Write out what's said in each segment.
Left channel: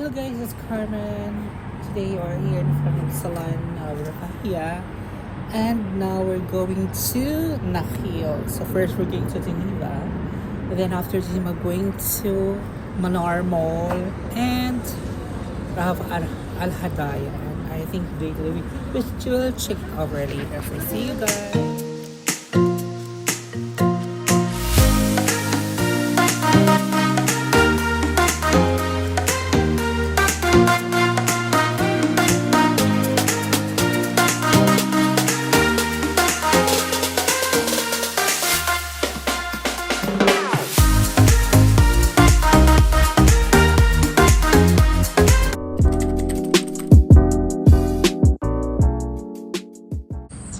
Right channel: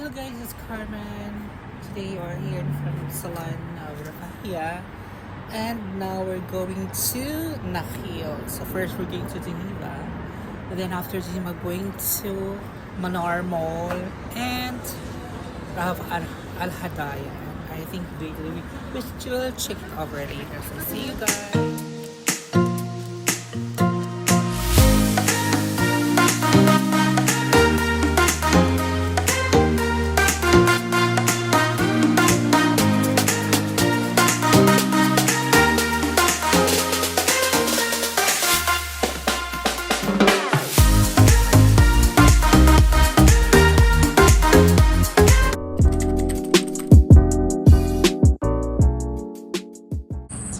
Hello guys, it's Carmen. Today we're here in front of Salon Rafahia. And now we're going to Nakhil. So first we're going to Geneva. And then after Geneva, going to Manar Mall and Rav Al Hadaya. And I think we will check it over later. So see you guys.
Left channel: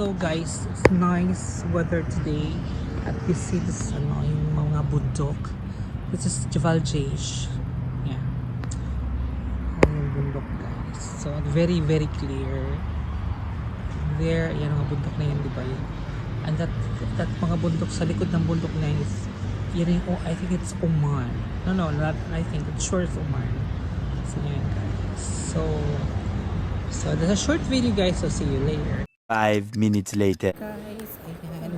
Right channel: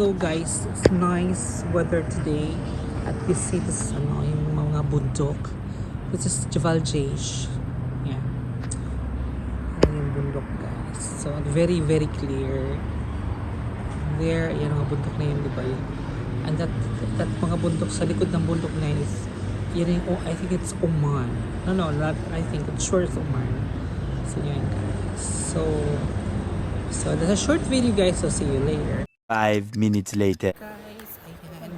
So guys, it's nice weather today at we see this yung mga bundok. This is Jebel Jaish. Yeah. Yung bundok guys. So very clear. There, yan mga bundok na yun, di ba yun? And that mga bundok sa likod ng bundok na yun, yun yung, I think it's Oman. No, not I think it's sure it's Oman. So yan guys. So that's a short video guys, so see you later. 5 minutes later. Guys, ayan.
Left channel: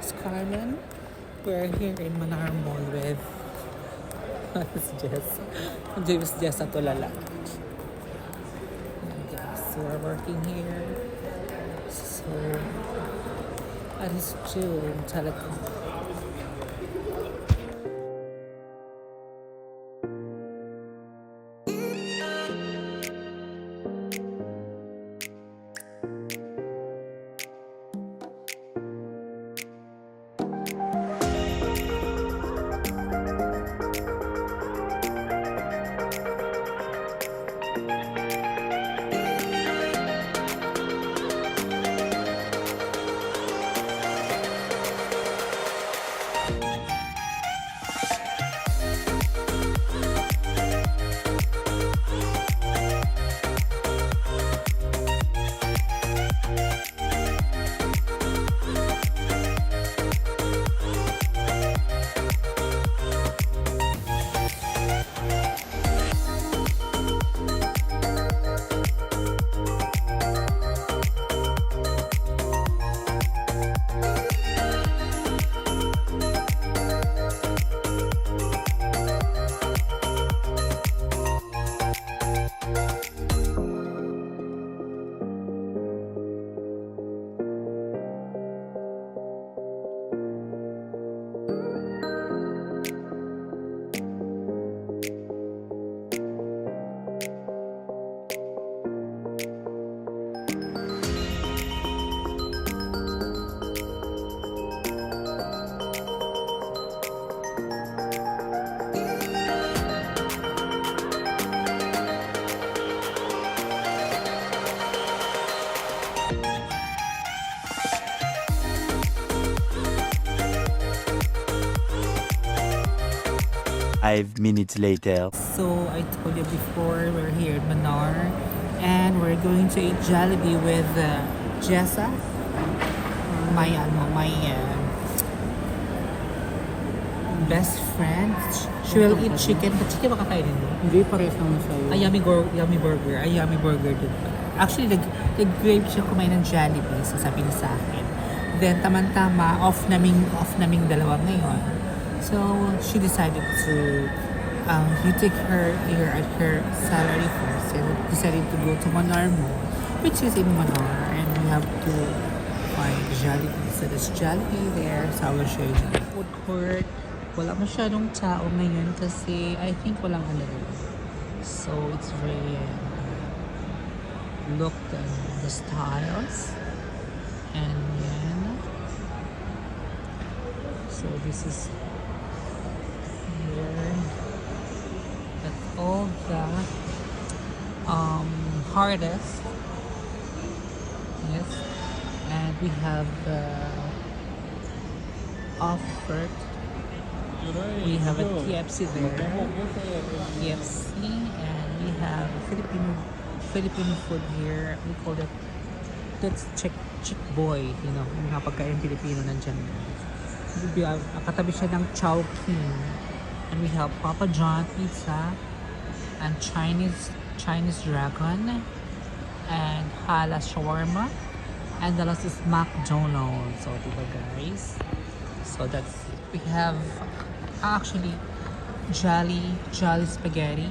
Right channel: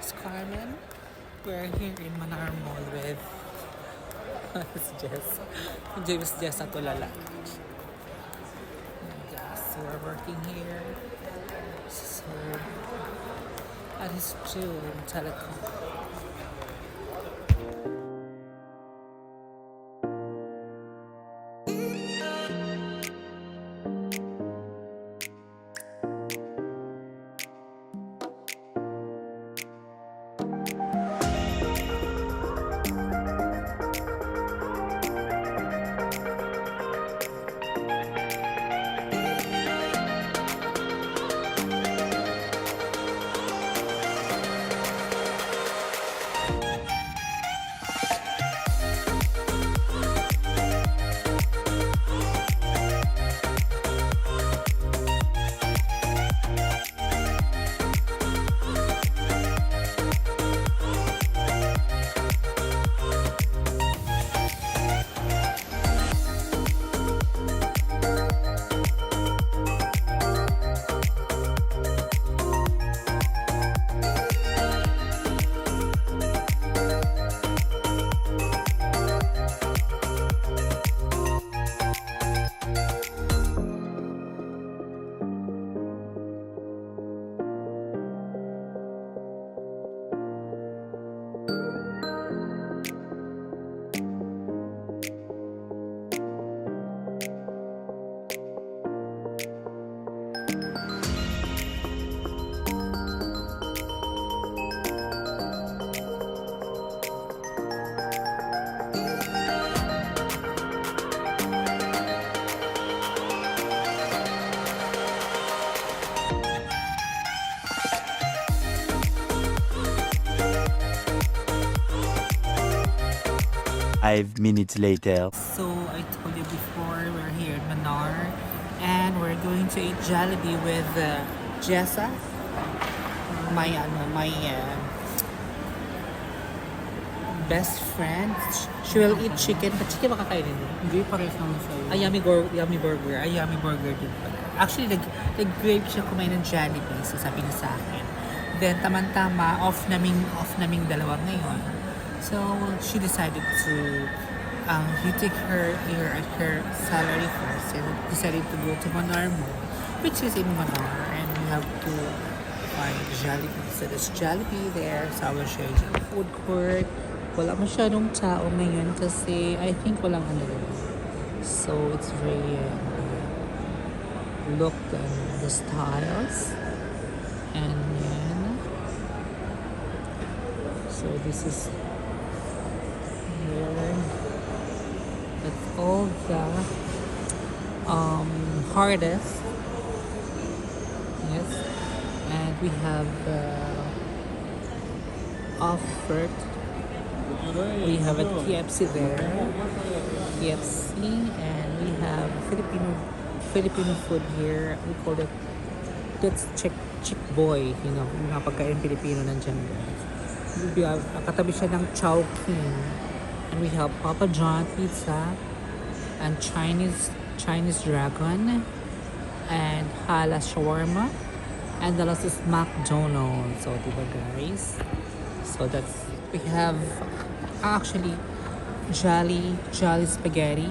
It's Carmen. We're here in Manar Mall with James Jess at Tulala. Guys, we're working here. So, that is June Telecom. Five minutes later. So I told you before, we're here in Manar and we're going to eat Jollibee with Jessa, my best friend. She will eat chicken. But chicken ba kakainin mo? Hindi, pares naman sa'yo. Yummy burger. Ay, yummy burger din pala. Actually, nag-crave siya kumain ng Jollibee. So sabi niya sa akin. Then, tamang-tama, off naming dalawa ngayon. So, she decided to you take her salary first and decided to go to Manar Mall, which is in Manar, and we have to find Jollibee. So, there's Jollibee there. So, I will show you the food court. Wala masyadong tao ngayon kasi I think walang ano. So, it's very look at the styles. And yeah. So, this is that's all the hardest. Yes, and we have the offered. We have a KFC there, KFC, and we have Filipino food here. We call it, that's chick boy, you know, yung mga pagkain Pilipino nandiyan guys. We have, katabi siya ng Chowking. And we have Papa John Pizza. and Chinese dragon, and Hala shawarma, and the last is McDonald's. So, diba guys? So that's, we have actually Jolly spaghetti.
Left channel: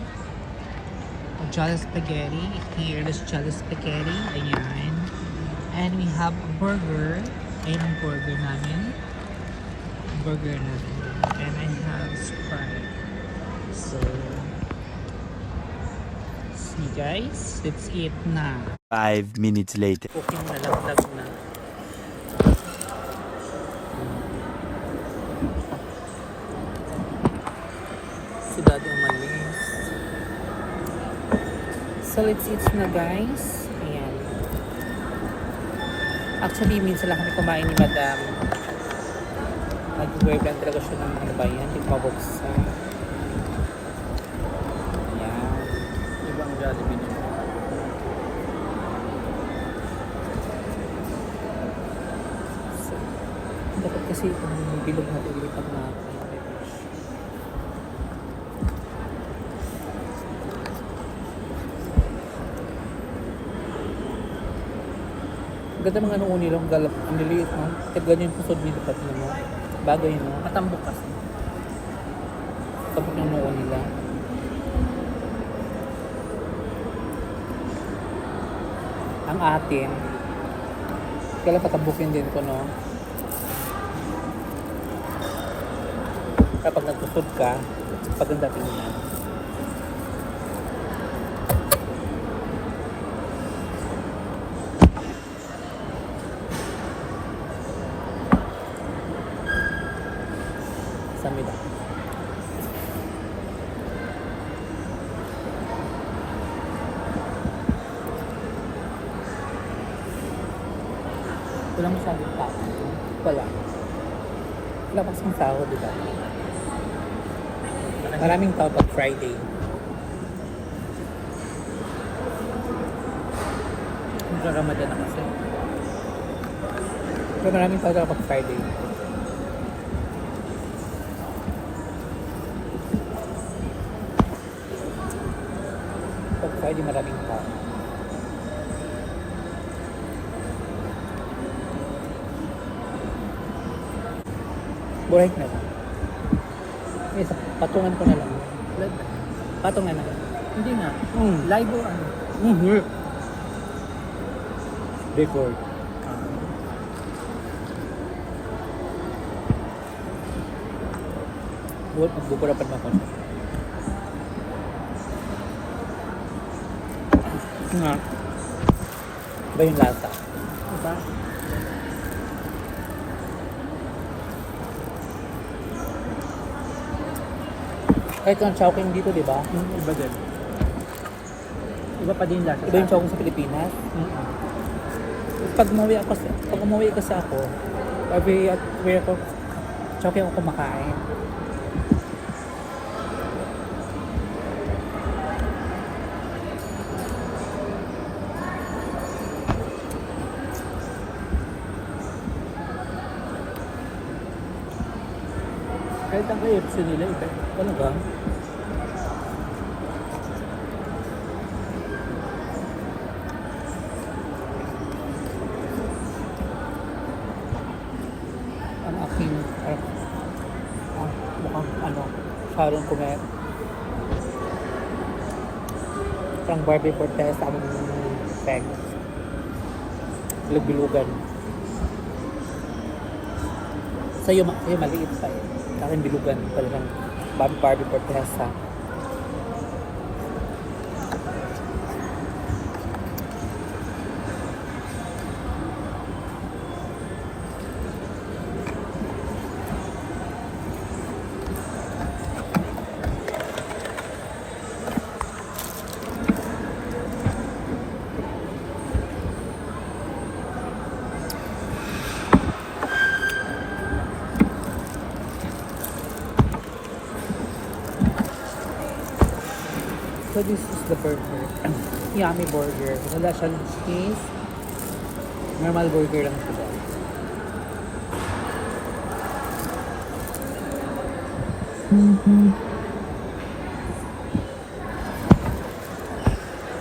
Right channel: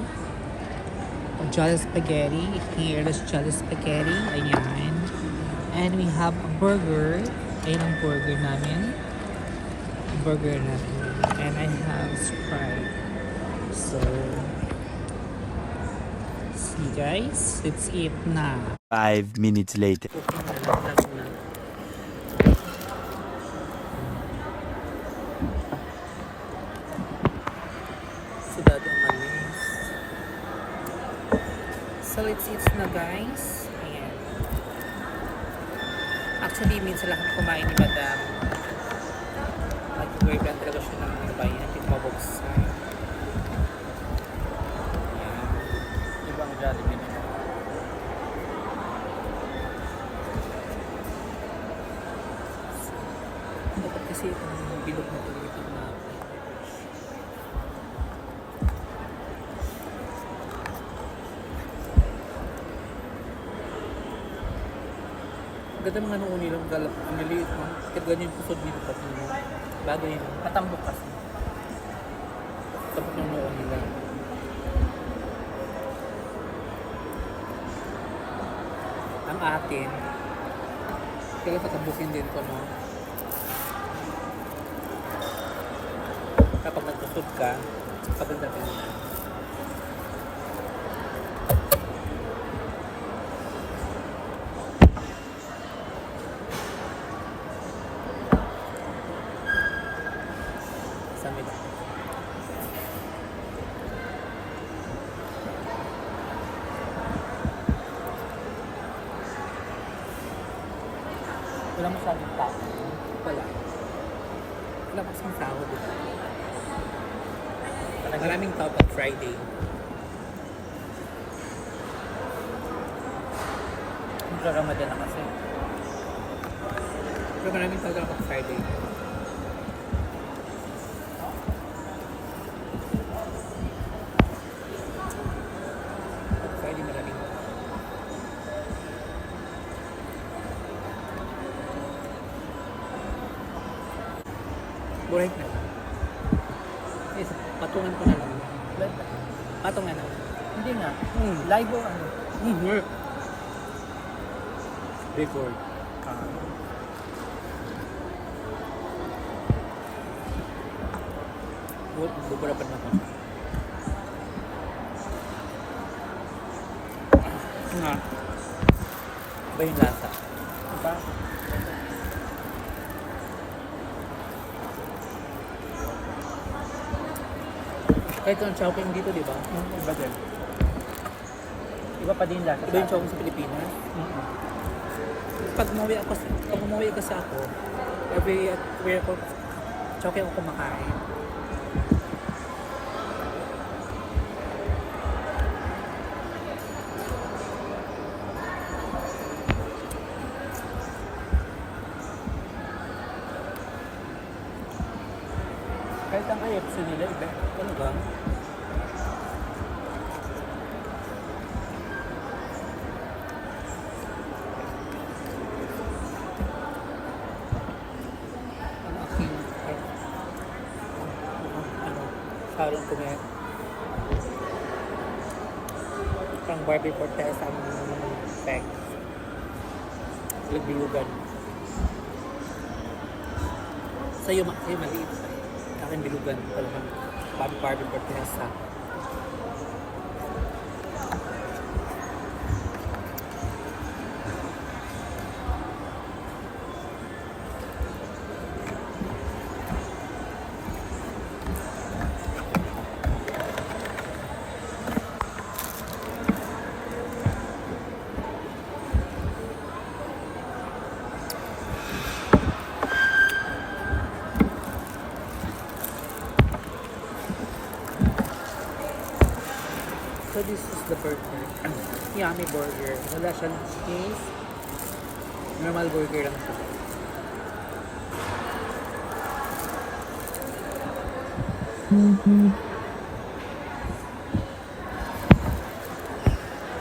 Jolly spaghetti. Here is Jolly spaghetti. Ayan. And we have a burger. Ayan ang burger namin. Burger namin. And I have Sprite. So, see guys, let's eat na. 5 minutes later. Okay, nalaglag na. Si Daddy umalis. So, let's eat na guys. Ayan. Actually, minsan lang kami kumain ni Madam. Nag-boyfriend talaga siya ng ano ba yun? Tigmaboksa. Ayan. Ibang Jollibee naman. Dapat kasi itong bilog na pilipan na ganda mga nung unilang galap, niliit no? Kahit ganyan yung pusod nito pati mo. Bagay no? Katambok kasi. Tapos yung nung nila. Ang atin, kailan patambukin din ko no? Kapag nagsusod ka, paganda tingnan. Samid. Wala masyadong tao. Wala. Wala kasing tao, di ba? Maraming tao pag Friday. Ramadan na kasi. Pero maraming tao pag Friday. Pag Friday maraming tao. Buray na. Isa, patungan ko na lang. Patong na lang. Hindi na. Live o ano? Record. Buat magbuburapan mo ako. Nga. Iba yung lasa. Iba? Kahit ang chowking dito, di ba? Iba dyan. Iba pa din yung lasa. Iba yung chowking sa Pilipinas. Pag umuwi kasi ako, every ako, chowking ako kumakain. Kahit ang KFC nila, iba. Ano ba? Ang aking mukhang ano, sarong kumain. Parang Barbie Fortes sa aming peg. Bilog-bilugan. Sa'yo maliit pa eh. Aking bilugan pala ng Barbie Fortesa. So this is the burger. Yummy burger. Wala siyang cheese. Normal burger lang siya.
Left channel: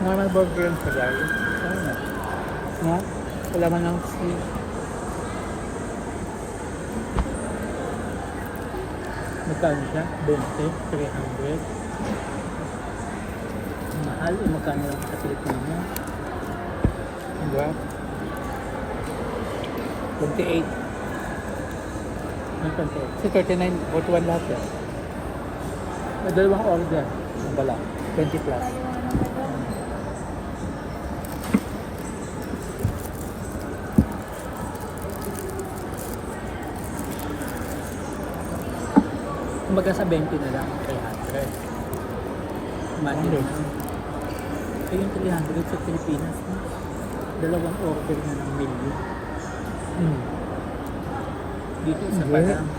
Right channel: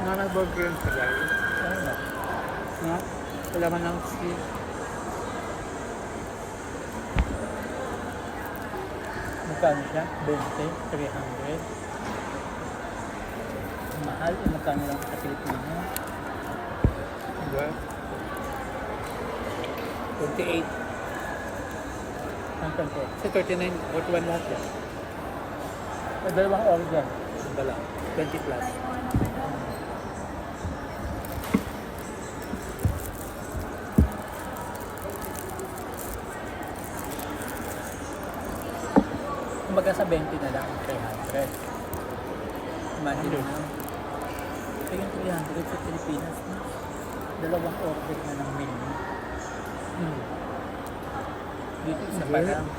Normal burger yun sila. No? Wala man ng cheese. Magkano siya? 20, 300. Mahal, magkano lang sa Pilipinas? Diba? 28. May konti. Si 39, 41 lahat yan. Dalawang order. Ang bala. 20 plus. Kumbaga sa 20 na lang, 300. Imagine mo. Kaya yung 300 sa Pilipinas na. Dalawang order na ng menu. Dito isa pa Hindi. lang.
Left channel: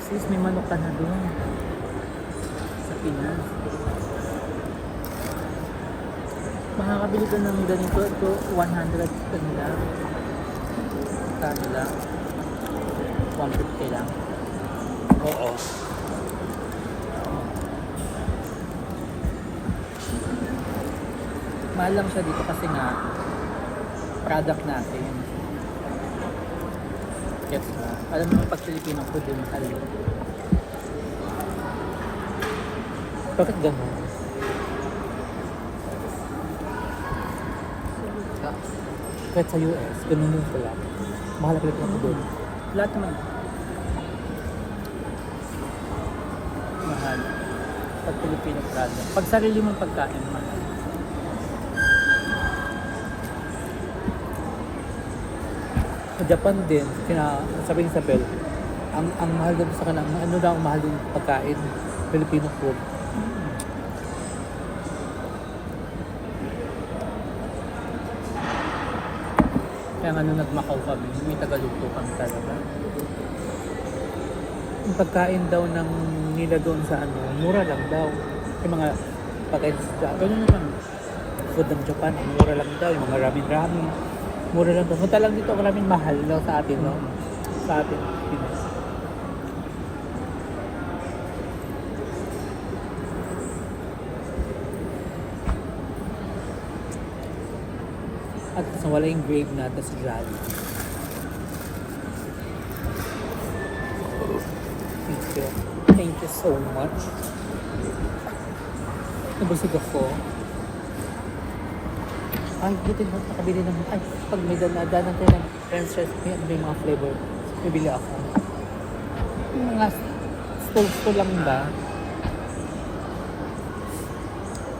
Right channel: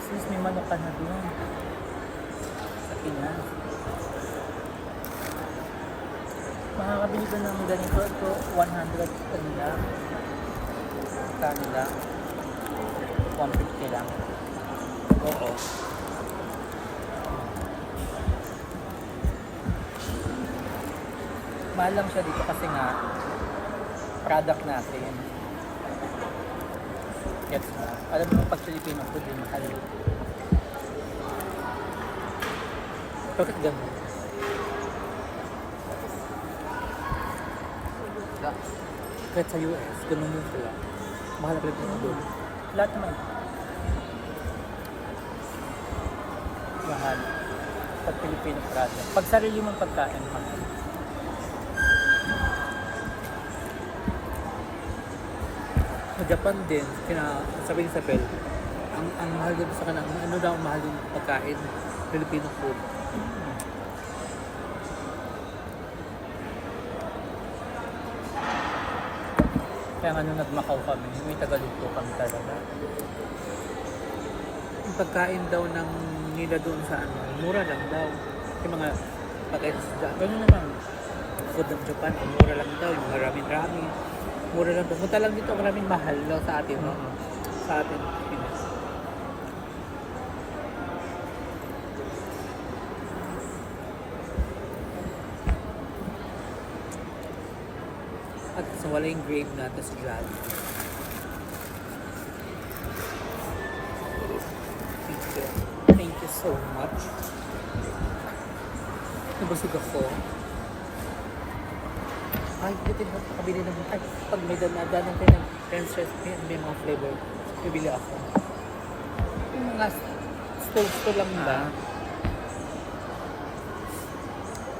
Sis, may manok ka na doon. Sa Pinas. Makakabili ko ng ganito. Ito, 100 kanila. Kanila. 150 lang. Oo. Mahal lang siya dito kasi nga product natin. Gets mo? Alam mo pag Filipino food din mahal. Bakit ganun? Kahit sa US, ganun din sila. Mahal ka lang doon. Lahat naman. Mahal. Pag Filipino product. Pag sarili mong pagkain, mahal. Sa Japan din, sabi ni Isabel, ang mahal doon sa kanila, ano daw ang mahal doon pagkain, Filipino food. Kaya nga nung nag-Macau kami, may tagaluto kami talaga. Ang pagkain daw ng nila doon sa ano, mura lang daw. Yung mga pagkain sa Japan, Ganun na lang. food ng Japan, ang mura lang daw, yung mga ramen-ramen. Mura lang daw. Punta lang dito, maraming mahal daw sa atin, no? Sa atin, Pinas. At sa wala yung grade natin sa Jollibee. Thank you. Thank you so much. Nabusog ako. Ay, buti na nakabili ng ay, pag may danadanan ko ng French fries, may mga flavor. Bibili ako. Yung mga stove lang ba?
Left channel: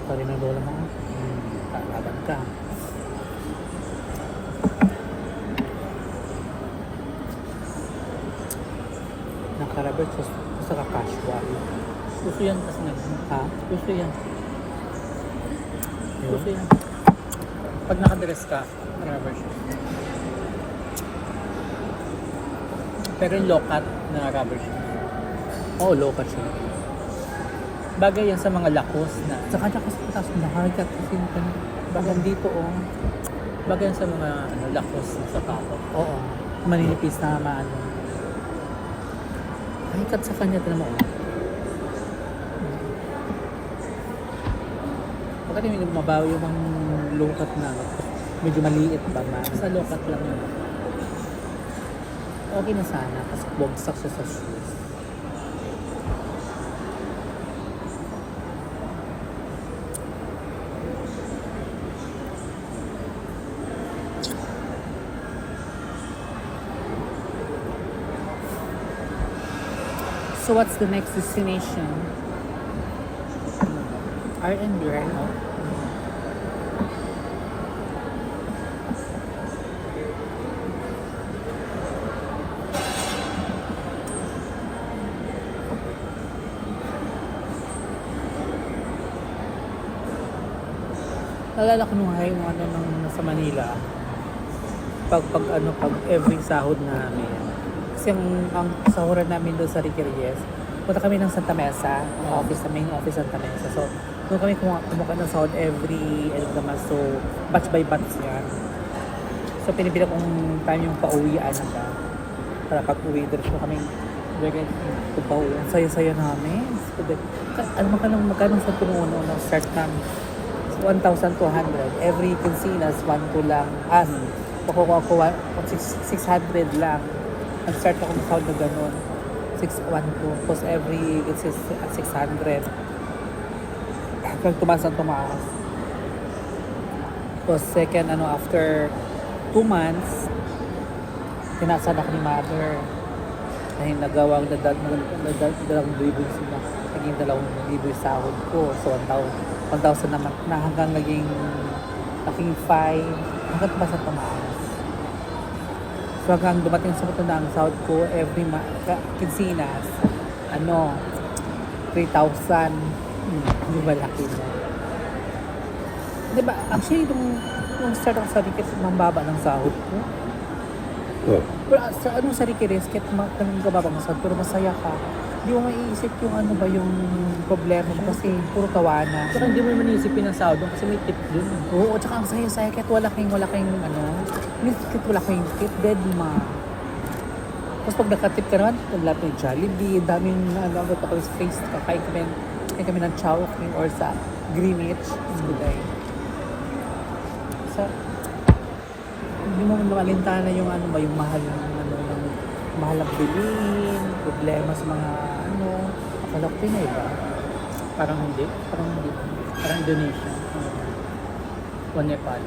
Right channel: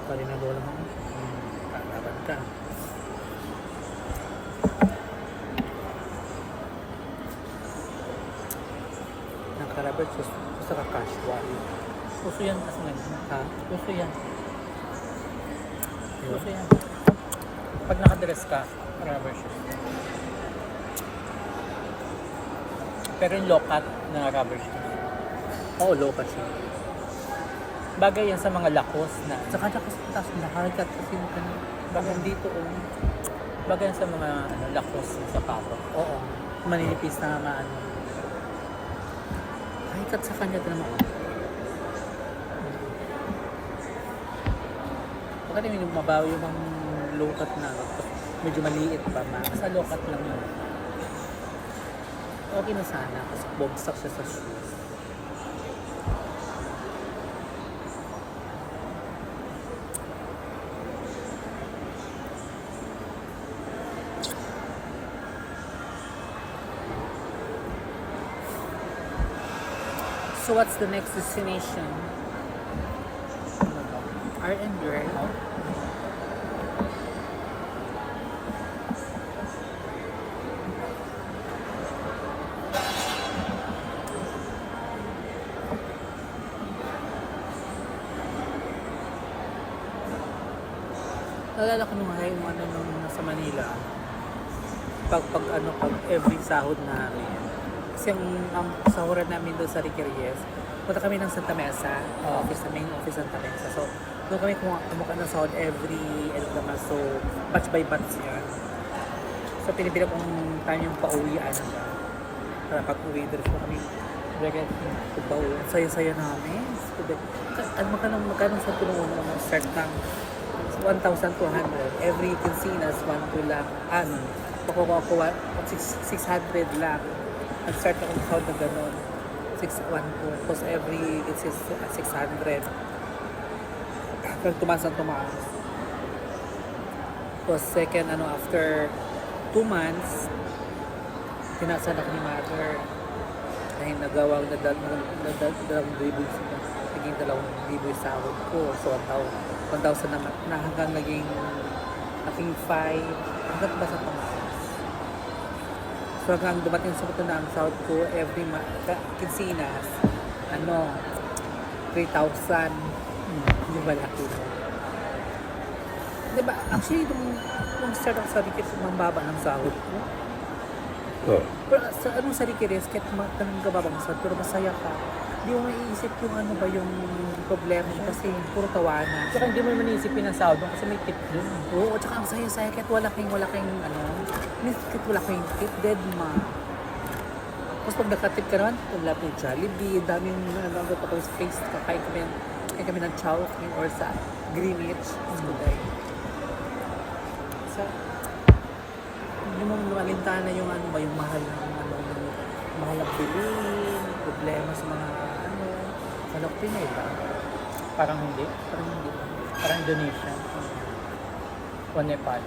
Pwede na doon ako. Tatagan ka. Nakarabot sa ka-casual. Puso yan kasi yan. Ha? Puso yan. Yun. Puso yan. Pag nakadress ka, rubber shoes. Pero yung low cut na rubber shoes. Oo, low cut siya. Bagay yan sa mga lakos na. Sa kanya kasi pataas na harikat kasi mo ka na. Bagay dito bagay yan sa mga lakos na sapatos. Oo. Maninipis na maano. Harikat sa kanya, tala mo. Baka rin yung mabawi yung mga low cut na medyo maliit pa ba? Sa low cut lang yan. Okay na sana kasi bugsak siya sa shoes. So what's the next destination? R&B, right? Nalala ko nung nasa Manila. Pag every sahod namin. Kasi ang sahuran namin doon sa Ricky Reyes, punta kami ng Santa Mesa, office, sa main office Santa Mesa. So, doon kami kumuha ng sahod every end of the month. So, batch by batch yan. So, pinipila kong time yung pauwian para pag uwi, doon kami Very tubaw. Ang saya-saya namin. Magkano sa tumuno? Start ng 1,200. Every quincenas, 1 ko lang. Makukuha ko 600 lang. Nag-start ako ng sound na gano'n. 612. Tapos every, this is 600. Hanggang tumaas ang tumaas. Tapos second, after 2 months, tinasan ako ni mother. Dahil nagawang dalawang bibig sila. Naging dalawang bibig sahod ko. So, 1,000 naman na hanggang naging 5. Hanggang tumaas ang tumaas. So hanggang dumating sa ito na ang sahod ko every quincenas, 3,000. Hindi ba laki na? Diba, actually, nung start ako sa ticket, mambaba ng sahod ko. Pero sa anong sa ticket, tanong ka ba masahod, pero masaya ka. Hindi mo maiisip yung yung problema mo kasi puro tawanan. Tsaka hindi mo manisip yung sahod doon kasi may tip yun. Oo, tsaka ang saya-saya kahit wala kayong kahit wala kayong tip, dead ma. Tapos pag nakatip ka naman, kung lahat ng Jollibee, daming ito ko space, kakain kami ng Chowking or sa Greenwich. So, hindi mo alintana yung yung mahal ng bilhin, problema sa mga anak Pinoy ba? Parang hindi. Parang hindi. Parang Indonesia. O Nepal.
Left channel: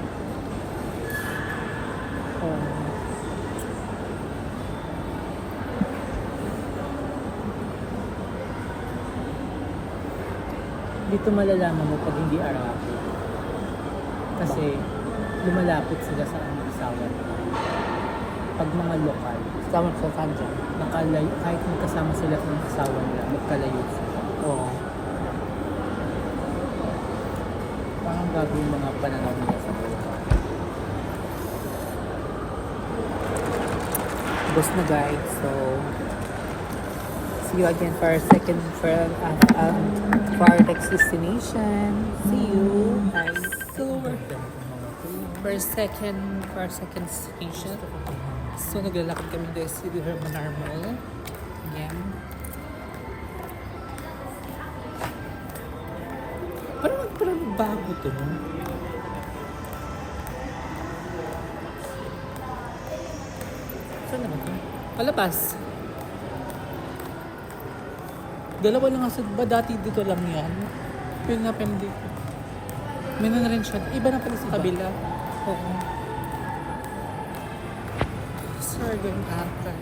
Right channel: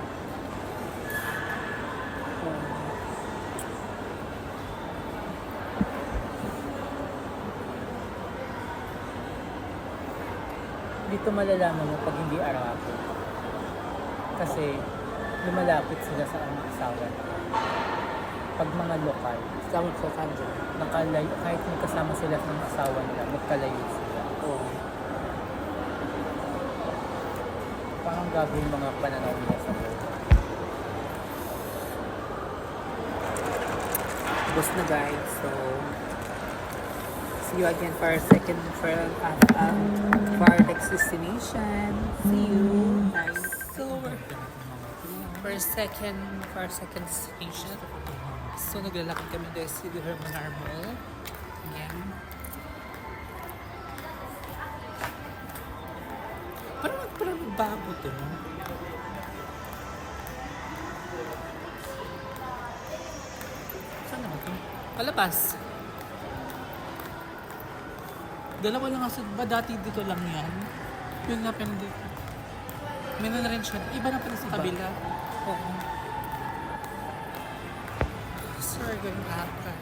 Dito malalaman mo pag hindi Arabi. Kasi lumalapit sila sa ang asawa. Pag mga lokal, Sama sa Sanja. nakalayo, kahit magkasama sila sa asawa nila, magkalayo sila. Oo. Parang gabi yung mga pananaw nila sa buhay. Boss na guys, so see you again for our next destination. See you guys. So for second station. So naglalakad kami guys sa Hermanar Mall. Ayan. Parang bago to, no? Saan naman to? Palabas. Dalawa lang kasi, ba dati dito lang yan? Yun nga dito. May na rin siya. Iba na pala sa kabila. Oo. So we're going after.